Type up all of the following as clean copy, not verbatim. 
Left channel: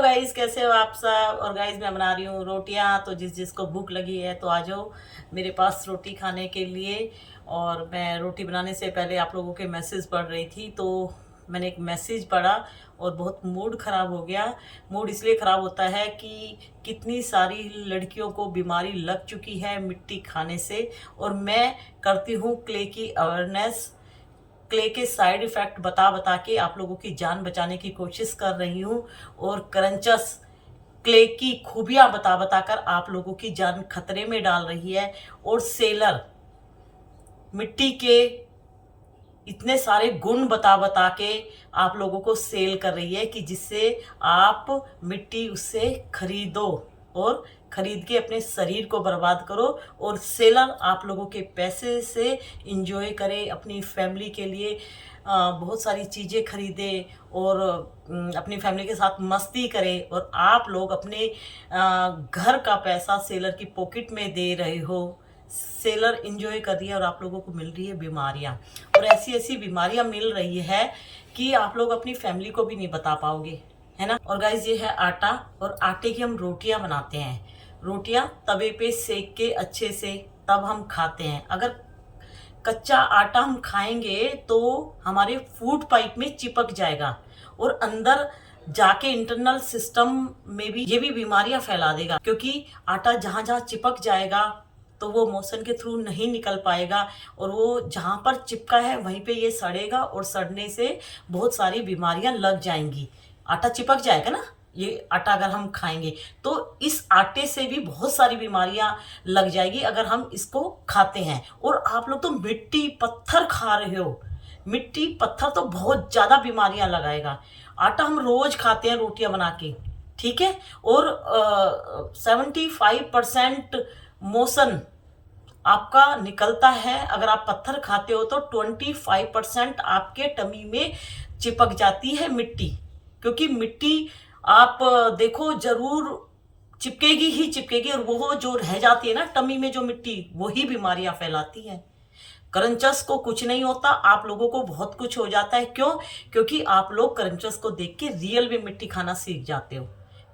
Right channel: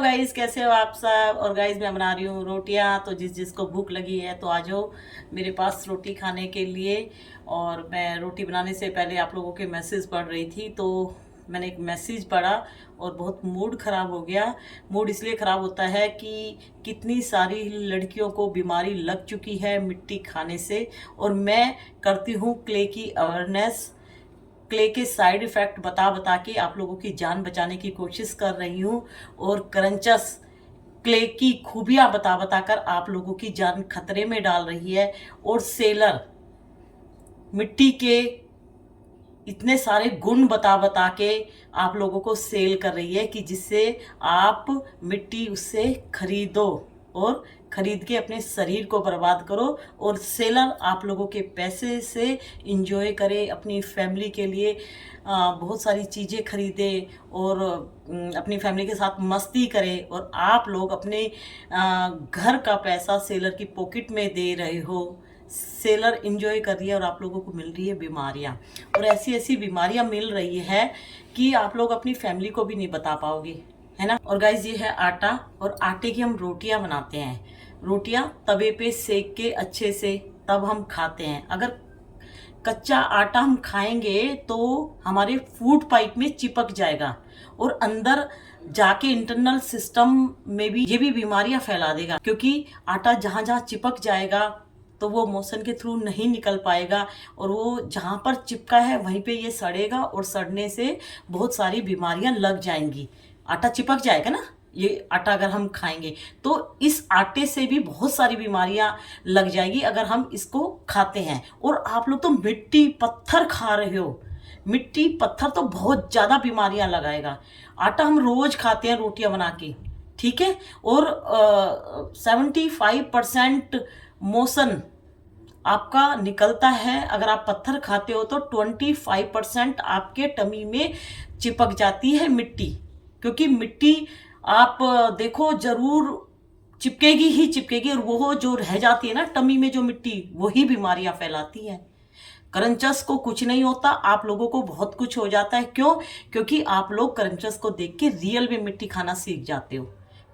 Hello guys, कैसे हो आप सब। और गाइस मैं बना रही हूँ रोटियाँ। तो जिसको भूख लगी है तो आ जाओ मेरे पास रोटी खाने के लिए। और मैं रोटी बनाने से पहले आप लोगों के मैसेज पढ़ रही थी, तो मैंने एक मैसेज पढ़ा और बहुत मूड ख़राब हो गया। मूड इसलिए ख़राब होता है कि कितनी सारी लड़कियों को बीमारी लग चुकी है मिट्टी खाने से। और मैं करती हूँ क्ले की अवेयरनेस, क्ले के साइड इफ़ेक्ट बता बता के आप लोगों की जान बचाने की कोशिश कर रही हूँ। और क्रंचस क्ले की खूबियाँ बता बता कर आप लोगों की जान खतरे में डाल रही है। और सेलर मिट्टी के इतने सारे गुण बता बता के आप लोगों को सेल कर रही है कि जिससे आप मिट्टी उससे खरीदो और खरीद के अपने शरीर को बर्बाद करो। और सेलर आप लोगों के पैसे से इंजॉय करे, अपनी फैमिली के लिए बहुत सारी चीज़ें खरीदे और अपनी फैमिली के साथ मस्ती करे। और आप लोग अपने घर का पैसा सेलर की पॉकेट में दे रहे हो। सेलर इंजॉय कर रही है और आप लोगों को मिल रही है बीमारियां। और ऐसी ऐसी बीमारियां मिल रही है कि आप लोग अपनी फैमिली को भी नहीं बता पाओगे, है ना। और गाइज ये है आटा, और आटे की हम रोटियां बनाते हैं। रोटियां तवे पे सेक के अच्छे से तब हम खाते हैं। अगर कच्चा आटा हम खाएंगे तो हमारे फूड पाइप में चिपक जाएगा और अंदर जाके इंटरनल सिस्टम में भी ये भी बीमारियां फैला देगा। क्योंकि आटा जहां जहां चिपक जाएगा तो वो मोशन के थ्रू नहीं निकल पाएगा, और वो जहां पर चिपका है वहीं पे ये सड़ेगा और सड़ने से बहुत सारी बीमारियां लग जाएंगी। आटा चिपक जाएगा ना, ये आटा अगर हम खाएंगे तो इस आटे से भी बहुत सारी बीमारियां लग जाएगी अगर हम इसको खाते हैं। और आप लोग तो मिट्टी पत्थर खा रहे हो। मिट्टी पत्थर तो बहुत ज़्यादा बीमारियां लगाएगा। आटा हम रोज खाते हैं रोटियां बना के, ठीक है। और 75% मोशन आपका निकलता है। अगर आप पत्थर खाते हो तो 25% आपके टमी में चिपक जाती है मिट्टी। क्योंकि मिट्टी आप देखो जरूर चिपकेगी ही चिपकेगी, और वो जो रह जाती है ना टमी में जो मिट्टी, वही बीमारियां फैलाती है। करंचस को कुछ नहीं होता, आप लोगों को बहुत कुछ हो जाता है। क्यों? क्योंकि आप लोग करंचस को देख के रियल में मिट्टी खाना सीख जाते हो।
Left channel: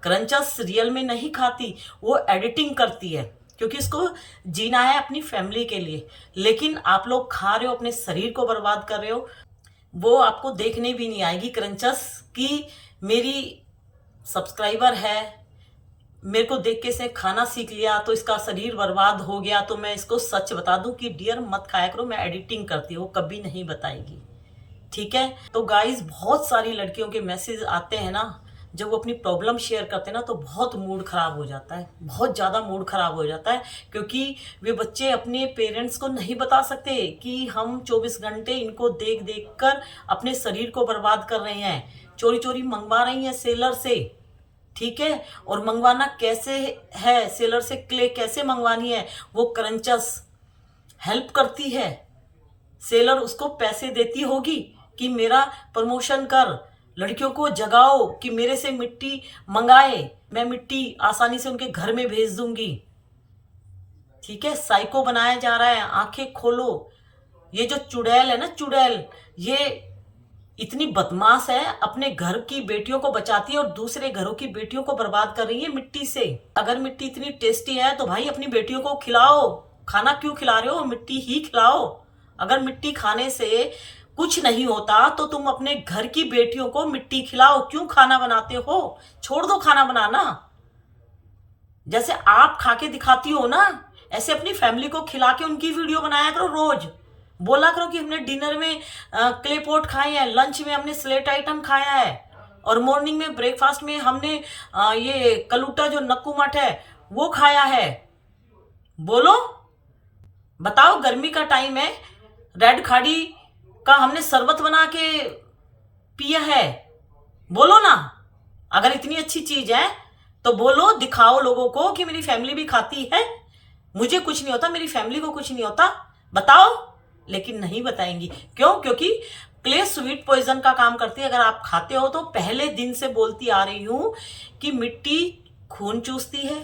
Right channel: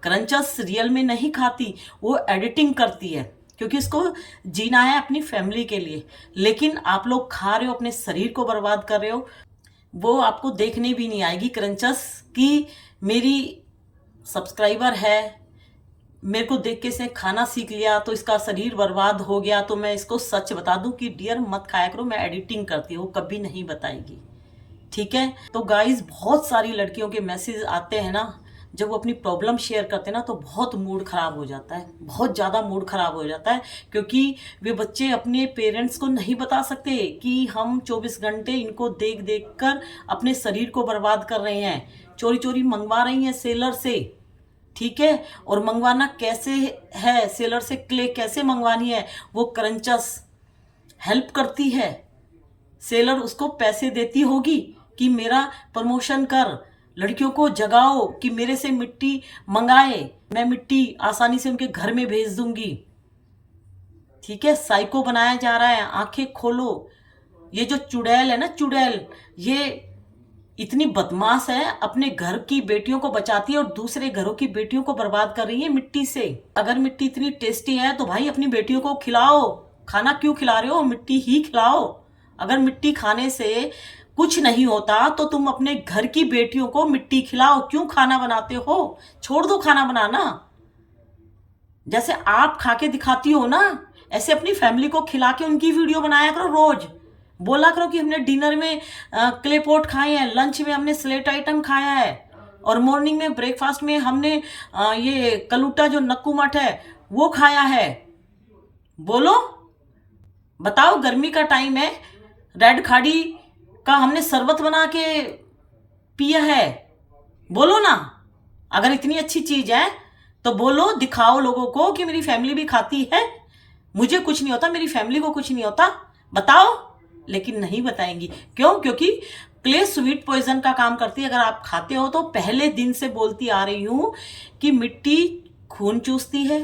करंचस रियल में नहीं खाती, वो एडिटिंग करती है क्योंकि इसको जीना है अपनी फैमिली के लिए। लेकिन आप लोग खा रहे हो, अपने शरीर को बर्बाद कर रहे हो। वो आपको देखने भी नहीं आएगी करंचस की मेरी सब्सक्राइबर है, मेरे को देख के इसने खाना सीख लिया तो इसका शरीर बर्बाद हो गया। तो मैं इसको सच बता दूं कि डियर मत खाया करो, मैं एडिटिंग करती हूँ, कभी नहीं बताएगी, ठीक है। तो गाइस बहुत सारी लड़कियों के मैसेज आते हैं ना, जब वो अपनी प्रॉब्लम शेयर करते हैं ना तो बहुत मूड खराब हो जाता है, बहुत ज़्यादा मूड खराब हो जाता है। क्योंकि वे बच्चे अपने पेरेंट्स को नहीं बता सकते कि हम 24 घंटे इनको देख देख कर अपने शरीर को बर्बाद कर रहे हैं, चोरी चोरी मंगवा रही हैं सेलर से, ठीक है। और मंगवाना कैसे है, सेलर से क्ले कैसे मंगवानी है, वो क्रंचस हेल्प करती है। सेलर उसको पैसे देती होगी कि मेरा प्रमोशन कर, लड़कियों को जगाओ कि मेरे से मिट्टी मंगाए, मैं मिट्टी आसानी से उनके घर में भेज दूंगी, ठीक है। साइको बनाया जा रहा है, आंखें खोलो। ये जो चुड़ैल है ना, चुड़ैल, ये इतनी बदमाश है, अपने घर की बेटियों को बचाती है और दूसरे घरों की बेटियों को बर्बाद कर रही है मिट्टी से। अगर मिट्टी इतनी टेस्टी है तो भाई अपनी बेटियों को खिलाओ। खाना क्यों खिला रहे हो, मिट्टी ही खिलाओ। अगर मिट्टी खाने से कुछ नहीं होता तो तुम अपने घर की बेटियों को मिट्टी खिलाओ। क्यों खाना बनाते हो, छोड़ दो खाना बनाना। जैसे आप खा के दिखाती हो ना, ऐसे अपनी फैमिली को खिला के उनकी वीडियो बनाया करो रोज। बोला करो कि हमने डिनर में क्ले पॉट खाए हैं, लंच में हमने स्लेट आइटम खाया है, और मॉर्निंग में ब्रेकफास्ट में हमने ये कलूटा जो नक्कू मठ है वो खाया है। बोलो, बताओ। गर्मी का टाइम है, रेड खाड़ी का हमने शरबत बना के पिया है। बोलो ना, अगर इतनी अच्छी चीज है तो बोलो, दिखाओ लोगों को कि मेरी फैमिली भी खाती है, मुझे कुछ नहीं होता, मेरी फैमिली को कुछ नहीं होता, बताओ। लेकिन नहीं बताएंगी। क्यों? क्योंकि क्ले स्वीट पॉइजन का काम करती है। अगर आप खाते हो तो पहले दिन से बोलती आ रही हूं कि मिट्टी खून चूसती है,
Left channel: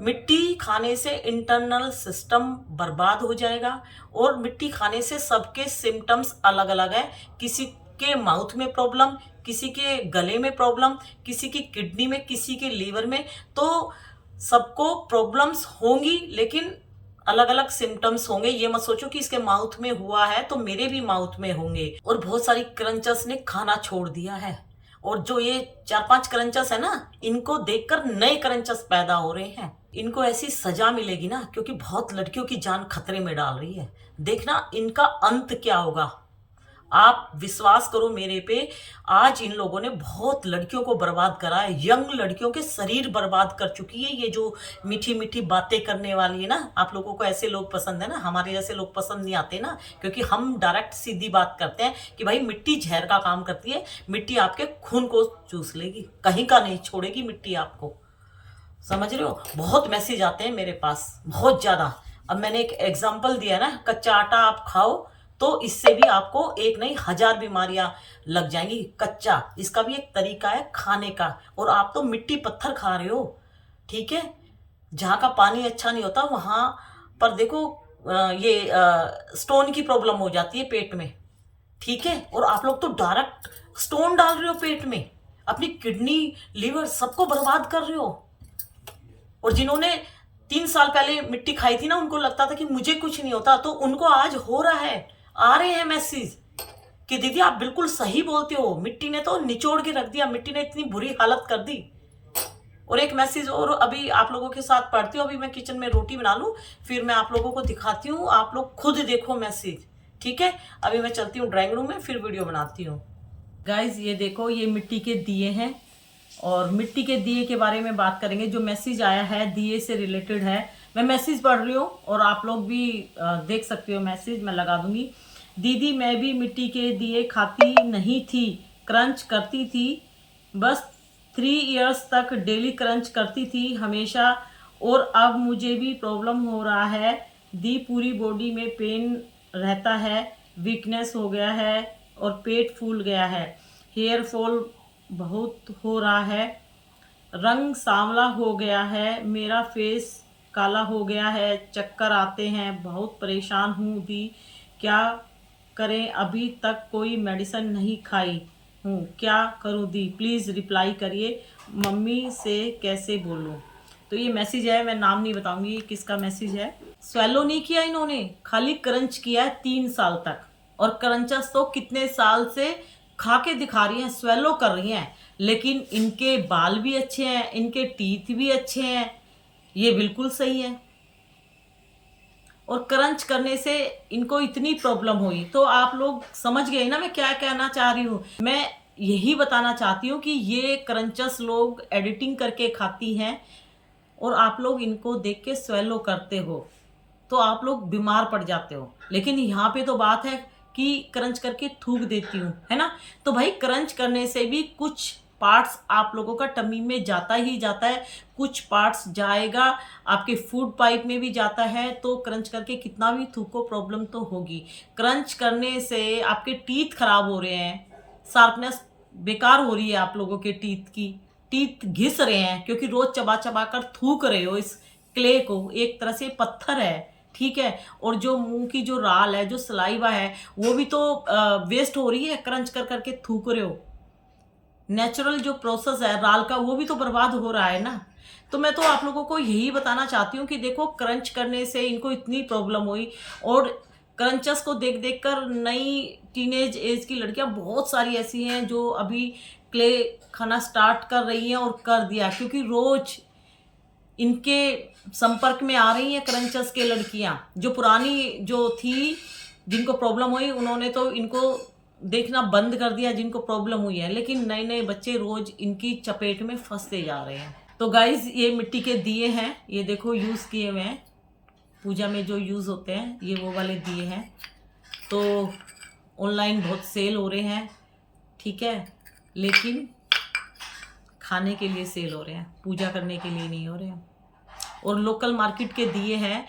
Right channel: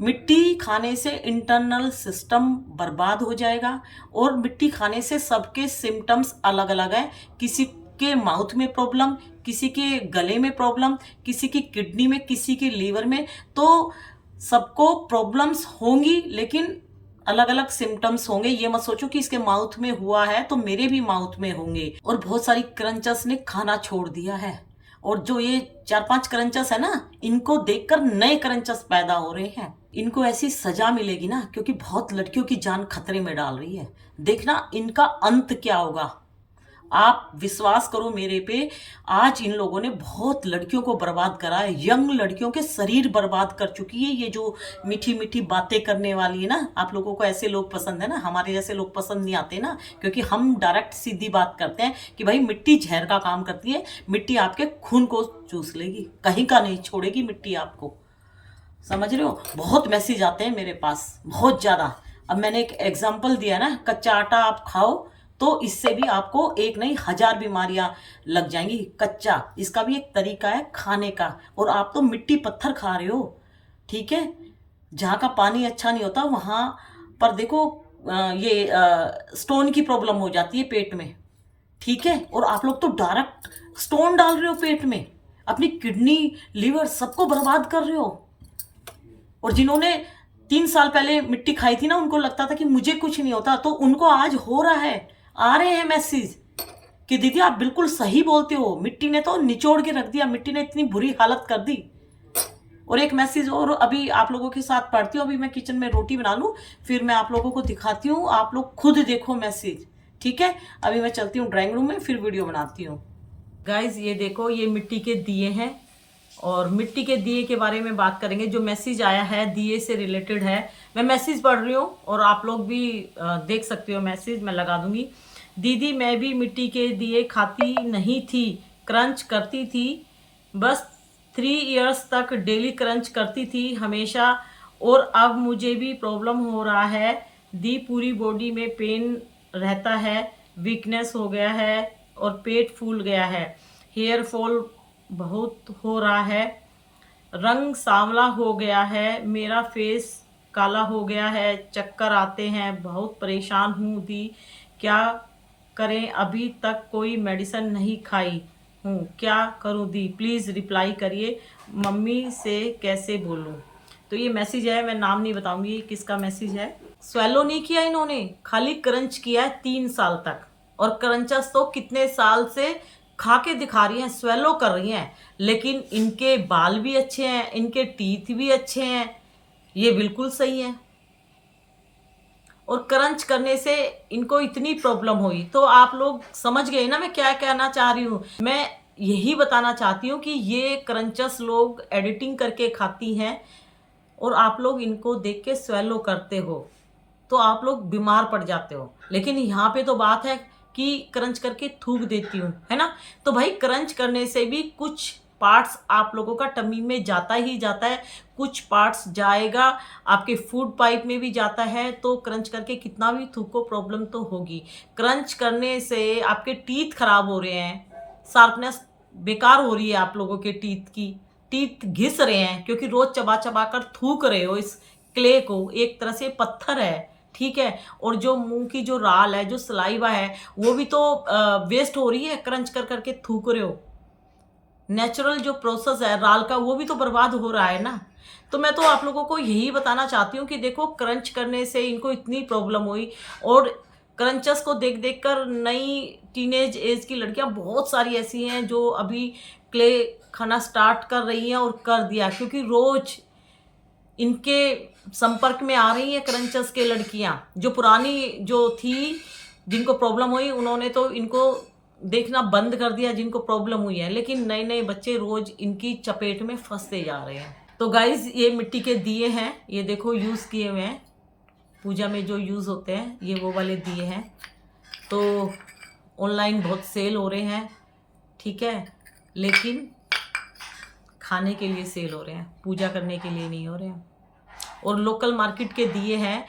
मिट्टी खाने से इंटरनल सिस्टम बर्बाद हो जाएगा। और मिट्टी खाने से सबके सिम्टम्स अलग अलग है। किसी के माउथ में प्रॉब्लम, किसी के गले में प्रॉब्लम, किसी की किडनी में, किसी के लीवर में। तो सबको प्रॉब्लम्स होंगी, लेकिन अलग अलग सिम्टम्स होंगे। ये मत सोचो कि इसके माउथ में हुआ है तो मेरे भी माउथ में होंगे। और बहुत सारी क्रंचर्स ने खाना छोड़ दिया है, और जो ये 4-5 क्रंचर्स है ना, इनको देखकर नए क्रंचर्स पैदा हो रहे हैं। इनको ऐसी सजा मिलेगी ना, क्योंकि बहुत लड़कियों की जान खतरे में डाल रही है। देखना इनका अंत क्या होगा। आप विश्वास करो मेरे पे, आज इन लोगों ने बहुत लड़कियों को बर्बाद करा है। यंग लड़कियों के शरीर बर्बाद कर चुकी है ये जो मीठी मीठी बातें करने वाली है ना। आप लोगों को ऐसे लोग पसंद है ना, हमारे जैसे लोग पसंद नहीं आते ना, क्योंकि हम डायरेक्ट सीधी बात करते हैं कि भाई मिट्टी जहर का काम करती है। मिट्टी आपके खून को चूस लेगी, कहीं का नहीं छोड़ेगी मिट्टी आपको। समझ रहे हो? बहुत मैसेज आते हैं मेरे पास, बहुत ज़्यादा। अब मैंने एक एग्जाम्पल दिया ना, कच्चा आटा आप खाओ तो इससे भी आपको एक नहीं 1000 बीमारियां लग जाएंगी। कच्चा, इसका भी एक तरीका है खाने का। और आप तो मिट्टी पत्थर खा रहे हो, ठीक है। जहाँ का पानी अच्छा नहीं होता वहाँ पर देखो ये स्टोन की प्रॉब्लम हो जाती है पेट में, ठीक है। और आप लोग तो डायरेक्ट स्टोन डाल रहे हो पेट में, अपनी किडनी, लीवर सबको बर्बाद कर रहे हो। और जिन्होंने 3 साल पहले मिट्टी खाई थी ना, उनको लगता था कि मुझे कुछ नहीं होता, तो उनको आज हो रहा है। आ रहे हैं मैसेज कि दीदी आप बिल्कुल सही बोलते हो, मिट्टी ने तो निचोड़ के रख दिया, मिट्टी ने इतनी बुरी हालत कर दी। और एक मैसेज और अभी आप लोगों के साथ पढ़ती हूँ। अभी मैं किचन में रोटी बना लूँ, फिर मैं आप लोगों को दिखाती हूँ, आप लोग खुद देखो मैसेज, ठीक है। अभी मैं चलती हूँ ड्राइंग रूम में, फिर वीडियो बनाती हूँ। गाइज ये देखो, ये मिट्टी के दिए हैं, और मिट्टी के दिए के बारे में बात करेंगे। जो मैसेज आया है दिए से रिलेटेड है, मैं मैसेज पढ़ रही हूँ और आप लोग भी देख सकते हो मैसेज, मैं लगा दूंगी। दीदी मैं भी मिट्टी के दिए खाती नहीं थी, क्रंच करती थी, बस 3 इयर्स तक डेली क्रंच करती थी हमेशा, और अब मुझे भी प्रॉब्लम हो रहा है दी, पूरी बॉडी में पेन रहता है, वीकनेस हो गया है और पेट फूल गया है, हेयर फॉल बहुत हो रहा है, रंग सांवला हो गया है, मेरा फेस काला हो गया है, चक्कर आते हैं, बहुत परेशान हूँ दी, क्या करें, अभी तक कोई मेडिसिन नहीं खाई हूँ, क्या करूँ दी, प्लीज़ रिप्लाई करिए, मम्मी से कैसे बोलूँ। तो ये मैसेज है, मैं नाम नहीं बताऊंगी किसका मैसेज है। स्वेलो नहीं किया इन्होंने, खाली क्रंच किया है 3 साल तक, और क्रंचस तो कितने साल से खा के दिखा रही हैं, स्वेलो कर रही हैं, लेकिन इनके बाल भी अच्छे हैं, इनके टीथ भी अच्छे हैं, ये बिल्कुल सही है। और क्रंच करने से इनको इतनी प्रॉब्लम हुई, तो आप लोग समझ गए ना मैं क्या कहना चाह रही हूँ। मैं यही बताना चाहती हूँ कि ये क्रंचस लोग एडिटिंग करके खाती हैं, और आप लोग इनको देख के स्वेलो करते हो, तो आप लोग बीमार पड़ जाते हो। लेकिन यहाँ पे तो बात है कि क्रंच करके थूक देती हूँ, है ना। तो भाई क्रंच करने से भी कुछ पार्ट्स आप लोगों का टमी में जाता ही जाता है, कुछ पार्ट्स जाएगा आपके फूड पाइप में भी जाता है। तो क्रंच करके कितना भी थूको प्रॉब्लम तो होगी। क्रंच करने से आपके टीथ खराब हो रहे हैं, शार्पनेस बेकार हो रही है आप लोगों के टीथ की, टीथ घिस रहे हैं, क्योंकि रोज चबा चबा कर थूक रहे हो इस क्ले को। एक तरह से पत्थर है, ठीक है। और जो मुंह की जो राल है, जो सलाइवा है, वो भी तो वेस्ट हो रही है, क्रंच कर करके थूक रहे हो। नेचुरल जो प्रोसेस है राल का, वो भी तो बर्बाद हो रहा है ना। तो मैं तो आप लोगों को यही बताना चाहती हूँ कि देखो, क्रंच करने से इनको इतनी प्रॉब्लम हुई, और क्रंचस को देख देख कर नई टीनेज एज की लड़कियां बहुत सारी ऐसी हैं जो अभी क्ले खाना स्टार्ट कर रही हैं, और कर दिया, क्योंकि रोज इनके संपर्क में आ रही हैं क्रंचस के लड़कियां। जो पुरानी जो थी, जिनको प्रॉब्लम हुई, उन्होंने तो इनको देखना बंद कर दिया जिनको प्रॉब्लम हुई है, लेकिन नए नए बच्चे रोज इनकी चपेट में फंसते जा रहे हैं। तो गाइज ये मिट्टी के दिए हैं, ये देखो यूज़ किए हुए हैं, पूजा में जो यूज़ होते हैं, ये वो वाले दिए हैं। तो ऑनलाइन बहुत सेल हो रहे हैं, ठीक है, लेकिन खाने के लिए सेल हो रहे हैं, पूजा करने के लिए नहीं हो रहे हैं। और लोकल मार्केट के दिए हैं,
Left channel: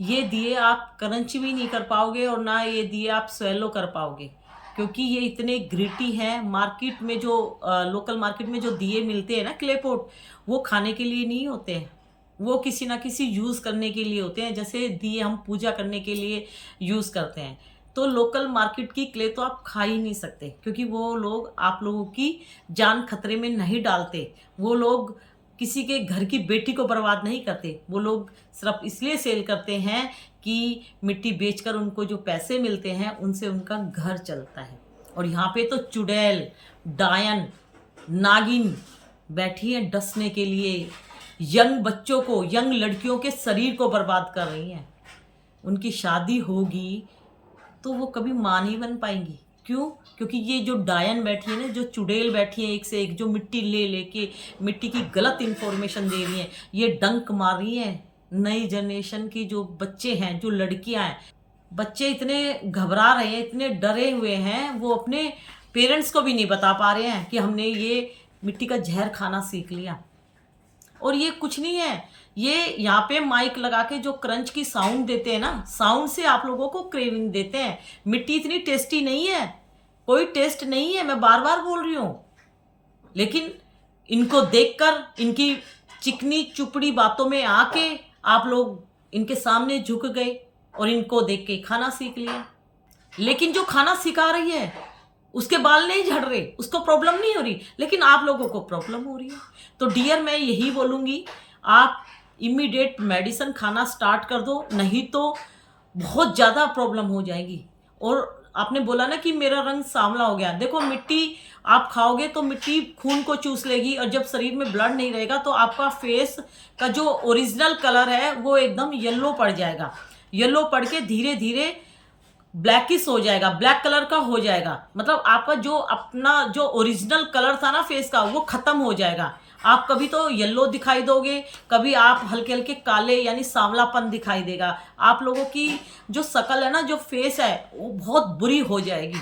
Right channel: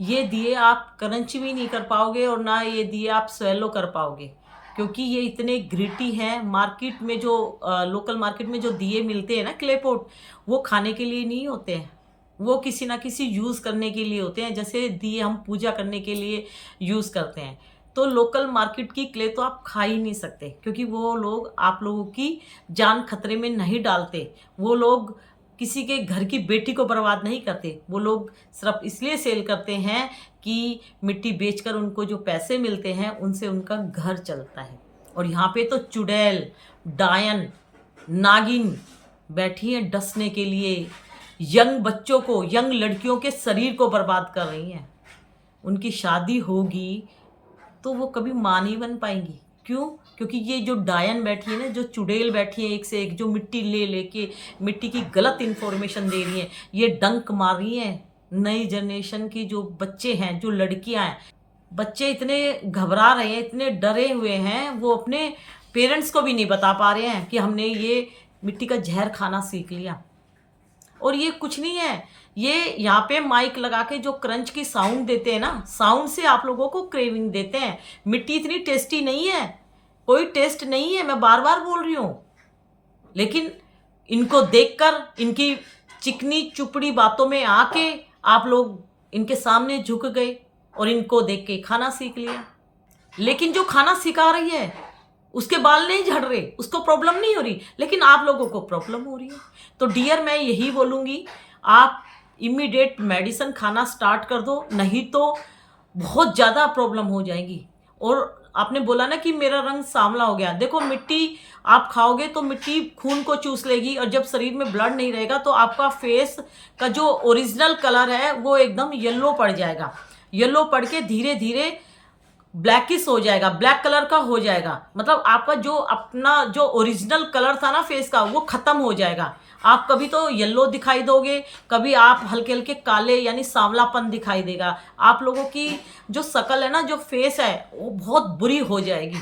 ये दिए आप क्रंच भी नहीं कर पाओगे, और ना ये दिए आप स्वेलो कर पाओगे, क्योंकि ये इतने ग्रिटी हैं। मार्केट में जो लोकल मार्केट में जो दिए मिलते हैं ना क्ले पॉट, वो खाने के लिए नहीं होते हैं, वो किसी ना किसी यूज़ करने के लिए होते हैं। जैसे दिए हम पूजा करने के लिए यूज़ करते हैं, तो लोकल मार्केट की क्ले तो आप खा ही नहीं सकते, क्योंकि वो लोग आप लोगों की जान खतरे में नहीं डालते। वो लोग किसी के घर की बेटी को बर्बाद नहीं करते। वो लोग सिर्फ इसलिए सेल करते हैं कि मिट्टी बेचकर उनको जो पैसे मिलते हैं उनसे उनका घर चलता है। और यहाँ पे तो चुड़ैल, डायन, नागिन बैठी है डसने के लिए, यंग बच्चों को, यंग लड़कियों के शरीर को बर्बाद कर रही हैं। उनकी शादी होगी तो वो कभी मां नहीं बन पाएंगी। क्यों? क्योंकि ये जो डायन बैठी है ना, जो चुड़ैल बैठी है एक से एक, जो मिट्टी ले लेके मिट्टी की गलत इन्फॉर्मेशन दे रही हैं, ये डंक मार रही हैं नई जनरेशन की जो बच्चे हैं, जो लड़कियां हैं। बच्चे इतने घबरा रहे हैं, इतने डरे हुए हैं, वो अपने पेरेंट्स को भी नहीं बता पा रहे हैं कि हमने ये मिट्टी का जहर खाना सीख लिया। और ये कुछ नहीं है, ये यहाँ पे माइक लगा के जो क्रंच की साउंड देते हैं ना, साउंड से आप लोगों को क्रेविंग देते हैं। मिट्टी इतनी टेस्टी नहीं है, कोई टेस्ट नहीं है, मैं बार बार बोल रही हूँ। लेकिन इनको देखकर, इनकी चिकनी चुपड़ी बातों में आके आप लोग इनके सामने झुक गए और इनको देख के खाना सीख लिया। लेकिन जो खाना सिखा रही है उसके बाल नहीं झड़ रहे, उसको प्रॉब्लम नहीं हो रही, लेकिन आप लोगों को प्रॉब्लम हो रही है। तो डियर, मैं यही बोलूँगी, आप इमीडिएट मेडिसिन खाना स्टार्ट कर दो, नहीं तो बहुत ज़्यादा प्रॉब्लम हो जाएगी। और आपने बोला ना कि मेरा रंग सांवला हो गया, देखो मिट्टी आप खाओगे तो मिट्टी खून को चूस लेगी, और जब शरीर में ब्लड नहीं रहेगा तो आपका फेस का जो ओरिजिनल कलर है वो एकदम येलो पड़ जाएगा। येलो पड़ के धीरे धीरे ब्लैकिश हो जाएगा, ब्लैक कलर का हो जाएगा। मतलब आपका जो अपना जो ओरिजिनल कलर था ना फेस का, वो खत्म हो जाएगा। आप कभी तो येलो दिखाई दोगे, कभी आप हल्के हल्के काले यानी सांवलापन दिखाई देगा। आप लोगों की जो शकल है ना, जो फेस है, वो बहुत बुरी हो जाएगी।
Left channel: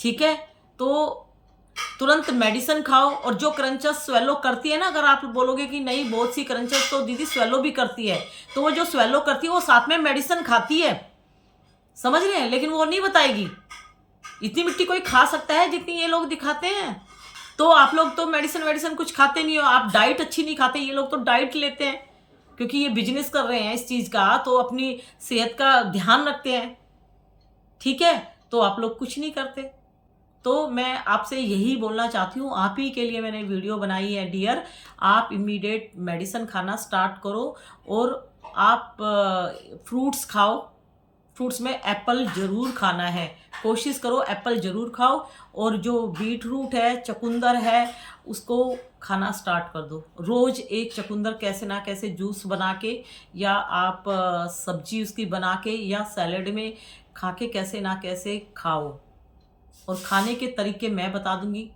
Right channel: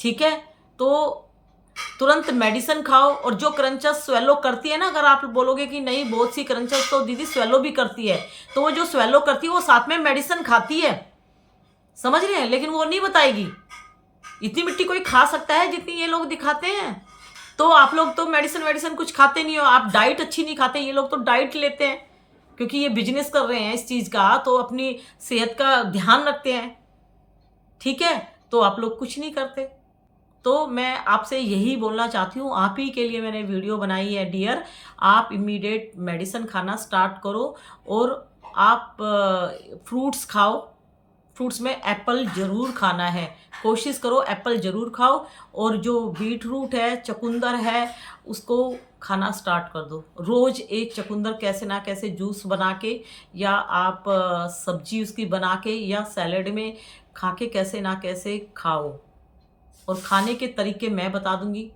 ठीक है, तो तुरंत मेडिसिन खाओ। और जो क्रंचेस स्वेलो करती है ना, अगर आप बोलोगे कि नहीं बहुत सी क्रंचेस तो दीदी स्वेलो भी करती है, तो वो जो स्वेलो करती है वो साथ में मेडिसिन खाती है, समझ रहे हैं, लेकिन वो नहीं बताएगी। इतनी मिट्टी कोई खा सकता है जितनी ये लोग दिखाते हैं? तो आप लोग तो मेडिसिन कुछ खाते नहीं हो, आप डाइट अच्छी नहीं खाते। ये लोग तो डाइट लेते हैं, क्योंकि ये बिजनेस कर रहे हैं इस चीज़ का, तो अपनी सेहत का ध्यान रखते हैं। ठीक है, तो आप लोग कुछ नहीं करते। तो मैं आपसे यही बोलना चाहती हूँ, आप ही के लिए मैंने वीडियो बनाई है डियर। आप इमीडिएट मेडिसिन खाना स्टार्ट करो, और आप फ्रूट्स खाओ। फ्रूट्स में एप्पल ज़रूर खाना है, कोशिश करो एप्पल ज़रूर खाओ। और जो बीट रूट है, चुकंदर है, उसको खाना स्टार्ट कर दो। रोज़ एक चुकंदर कैसे ना कैसे जूस बना के, या आप सब्जी उसकी बना के, या सैलेड में खा के कैसे ना कैसे खाओ। और खाने के तरीके मैं बता दूंगी,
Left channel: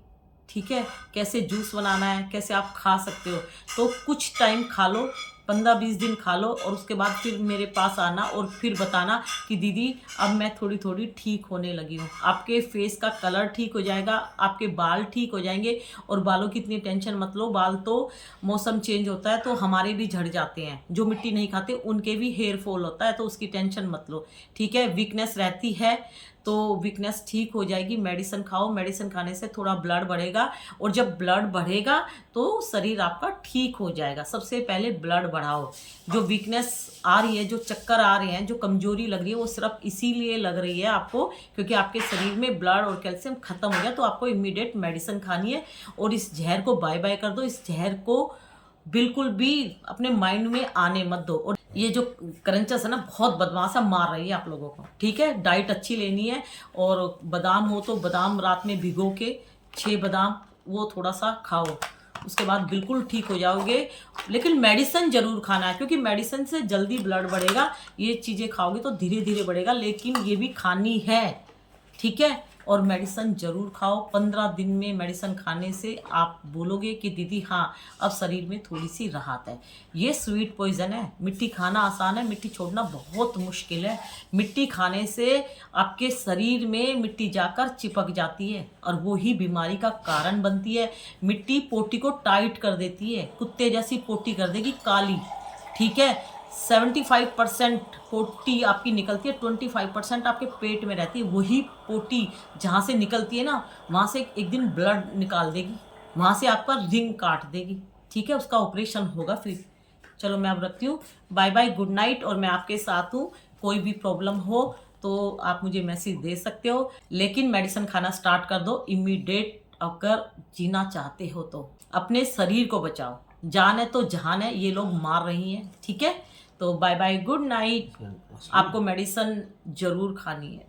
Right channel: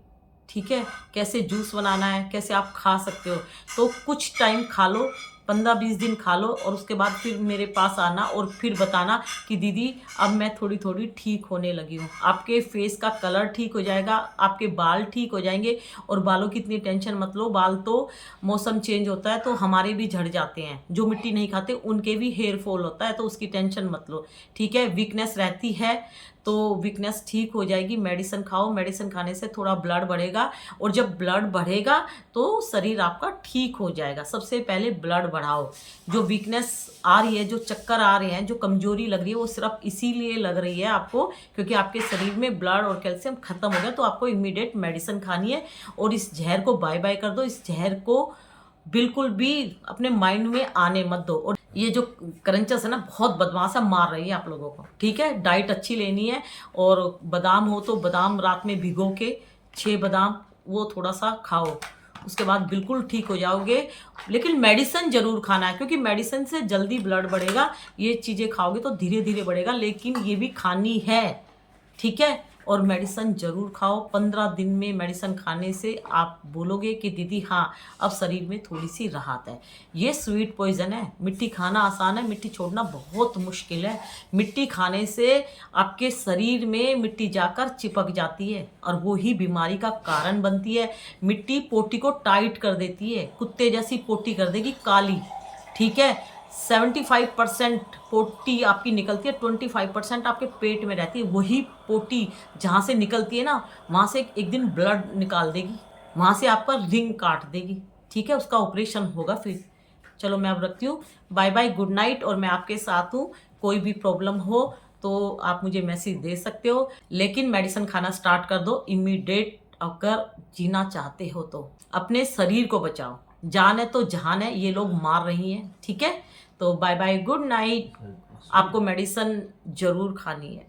ठीक है, कैसे जूस बनाना है, कैसे आप खा सकते हो। तो कुछ टाइम खा लो, 15-20 दिन खा लो, और उसके बाद फिर मेरे पास आना और फिर बताना कि दीदी अब मैं थोड़ी थोड़ी ठीक होने लगी हूँ। आपके फेस का कलर ठीक हो जाएगा, आपके बाल ठीक हो जाएंगे। और बालों की इतनी टेंशन मत लो, बाल तो मौसम चेंज होता है तो हमारे भी झड़ जाते हैं, जो मिट्टी नहीं खाते उनके भी हेयर फॉल होता है, तो उसकी टेंशन मत लो। ठीक है, वीकनेस रहती है तो वीकनेस ठीक हो जाएगी। मेडिसिन खाओ, मेडिसिन खाने से थोड़ा ब्लड बढ़ेगा, और जब ब्लड बढ़ेगा तो शरीर आपका ठीक हो जाएगा। सबसे पहले ब्लड बढ़ाओ। जो वीकनेस आ रही है, जो चक्कर आ रहे हैं, जो कमजोरी लग रही है, वो सिर्फ इसीलिए लग रही है आपको, क्योंकि आपके शरीर में ब्लड और कैल्शियम खत्म हो गया। तो आपको इमीडिएट मेडिसिन खानी है, और इस जहर को बाय बाय कर दो। इस जहर को बिल्कुल भी अपने माइंड में आने मत दो। और ये जो क्रंचेस है ना, बहुत बदमाश है, मार रही है आप लोगों को। ठीक है, डाइट अच्छी लेनी है। और बादाम हो तो बादाम रात में भिगो के, 6 बादाम, वो थोड़ा सा खाओ, उसके बाद बिल्कुल ठीक हो जाओगे। लेकिन मेडिसिन जरूर खाना है, क्योंकि मेडिसिन से जल्दी ब्लड बढ़ेगा। ये चीज़ें खाओगे तो धीरे धीरे बढ़ेगा, लेकिन ये भी खानी है। ठीक है, और मेडिसिन ज़रूर खाओ। 15 दिन में मेडिसिन खाने से आप बोलोगे कि दीदी हाँ, अब शरीर में थोड़ी सी राहत है। ये स्वीट पॉइजन है। मिट्टी खाना आसान है, मिट्टी छोड़ना बहुत मुश्किल है। मिट्टी खाने से आपके शरीर में मिट्टी जाकर चिपक जाती है, और वो ही बीमारी का कारण बनती है। मिट्टी पोटी को टाइट कर देती है, कुत्ते जैसी पोटी कर देगी काली। ठीक है, 75% पोटी आपकी निकलती है, 25% आपके पेट में रहती है। वही पोटी जहाँ से निकलती है ना, वहाँ से एक दिन ब्लड निकाल देगी, वहाँ से आपका रिंग काट देगी। ठीक है, उसका ऑपरेशन होगा फिर। चलो मैं अब रखती हूँ, बाय बाय, गुड नाइट। और मैं आपके साथ हूँ, कोई भी प्रॉब्लम हो तो आप मुझे मैसेज दे सकते हो, लेकिन मेडिसिन खाना स्टार्ट कर दो इमीडिएट अगर जीना चाहते हो तो। अपने शरीर को बचाओ, जान है तो जहान है, ये लोग मार रही हैं, ठीक है। तो बाय बाय, गुड नाइट। आपको मेडिसिन जरूर खानी है।